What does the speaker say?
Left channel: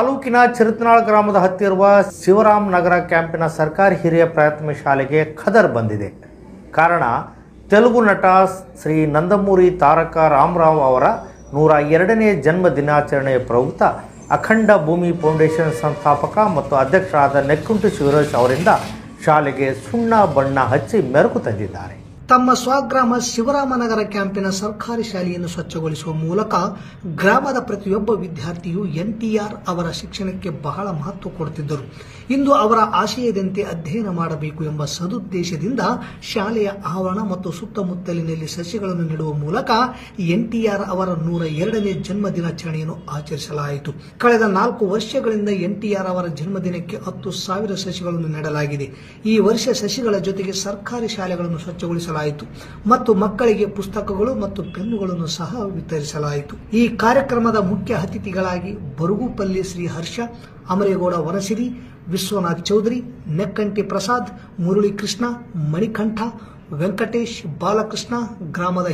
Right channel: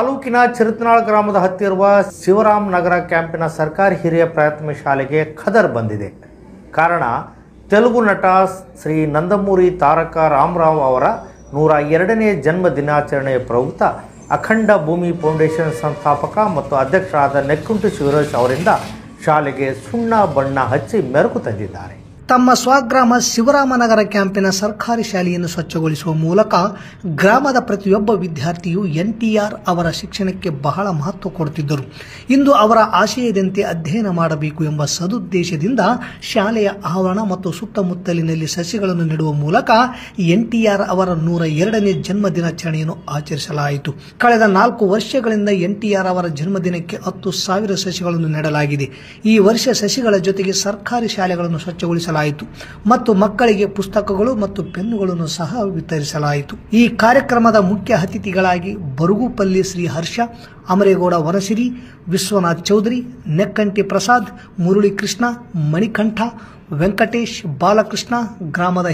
ತಾಲೂಕಿನ ಚಿರತನಾಳ್ ಗ್ರಾಮದ ಹತ್ತಿರುವ ಶಿವರಾಮ್ ನಗರ ಕ್ಯಾಂಪಿನ ಸರ್ಕಾರಿ ಹಿರಿಯ ಪ್ರಾಥಮಿಕ ಶಾಲೆಗೆ ಖದರ್ ಬಂದಿದೆ. ಕಾರಣ ತೆಲುಗು ನಟ ಶ್ರೀ ನಂದಮೂರಿ ತಾರಕ ರಾಮರಾವ್ ಅವರ 102ನೇ ಜನ್ಮ ದಿನಾಚರಣೆಯ ಪ್ರಯುಕ್ತ ಅಖಂಡ ಭೂಮಿ ಫೌಂಡೇಶನ್ ಸಂಸ್ಥಾಪಕ ಮತ್ತು ಅಧ್ಯಕ್ಷರಾದ ನೆಕ್ಕುಂಟಿ ಶಿವರಾಜ್ ಅವರಿಂದ ಶಾಲೆಗೆ ಸುಣ್ಣ ಬಣ್ಣ ಹಚ್ಚಿ ಮೆರುಗು ತಂದಿದ್ದಾರೆ. ತಮ್ಮ ಸ್ವಗ್ರಾಮ ಶಿವರಾಮನಗರ ಕ್ಯಾಂಪಿನ ಸರ್ಕಾರಿ ಶಾಲೆಯನ್ನು ಸ್ವಚ್ಛಗೊಳಿಸುವ ಮೂಲಕ ಗ್ರಾಮದ ಪ್ರತಿಯೊಬ್ಬ ವಿದ್ಯಾರ್ಥಿಯು ಎನ್ಟಿಆರ್ ಅವರ ಶಿಕ್ಷಣಕ್ಕೆ ಬಹಳ ಮಹತ್ವ ಕೊಡುತ್ತಿದ್ದರು. ಇಂದು ಅವರ ಆಶಯದಂತೆ ಅಧ್ಯಯನ ಮಾಡಬೇಕು ಎಂಬ ಸದುದ್ದೇಶದಿಂದ ಶಾಲೆಯ ಆವರಣ ಮತ್ತು ಸುತ್ತಮುತ್ತಲಿನಲ್ಲಿ ಸಸಿಗಳನ್ನು ನೆಡುವ ಮೂಲಕ ಎನ್ಟಿಆರ್ ಅವರ 102ನೇ ಜನ್ಮ ದಿನಾಚರಣೆಯನ್ನು ಆಚರಿಸಲಾಯಿತು. ಕಳೆದ 4 ವರ್ಷಗಳಿಂದ ಎನ್ಟಿಆರ್ ಅವರ ಜನ್ಮದಿನಕ್ಕೆ 10,000 ಸಸಿಗಳನ್ನು ನೆಡಲಾಗಿದೆ. ಈ ವರ್ಷ ಸಸಿಗಳ ಜೊತೆಗೆ ಸರ್ಕಾರಿ ಶಾಲೆಗಳನ್ನು ಸ್ವಚ್ಛಗೊಳಿಸಲಾಯಿತು ಮತ್ತು ಮಕ್ಕಳಿಗೆ ಪುಸ್ತಕಗಳು ಮತ್ತು ಪೆನ್ನುಗಳನ್ನು ಸಹ ವಿತರಿಸಲಾಯಿತು. ಈ ಕಾರ್ಯಕ್ರಮದ ಮುಖ್ಯ ಅತಿಥಿಗಳಾಗಿ ಬರುಗುಪಲ್ಲಿ ಶ್ರೀ ಹರ್ಷ, ಅಮರೇಗೌಡ ವನಸಿರಿ, ವಿಶ್ವನಾಥ್ ಚೌಧರಿ, ನೆಕ್ಕಂಟಿ ಪ್ರಸಾದ್, ಮುರಳಿ ಕೃಷ್ಣ, ಮಣಿಕಂಠ, ವೆಂಕಟೇಶ್, ಬಾಲಕೃಷ್ಣ, ಗ್ರಾಮದ